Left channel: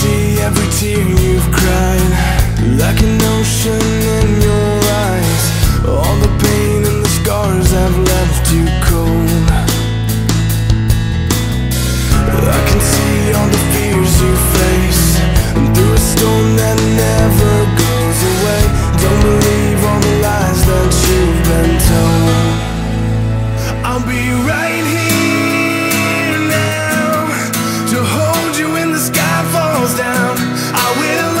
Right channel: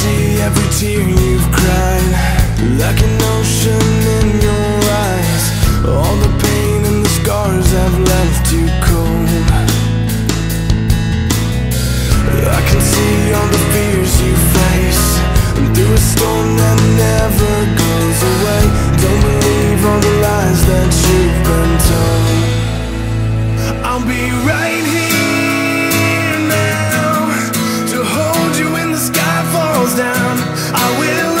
see every tear you've cried, like an ocean in your eyes. All the pain and the scars have left you cold. I can see all the fears you face, and through a storm that never goes away. Don't believe all the lies that you've been told. I'll be right here now to hold you when the sky falls down. I will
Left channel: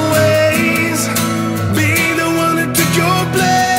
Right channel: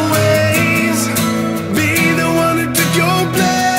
always be the one who took your place.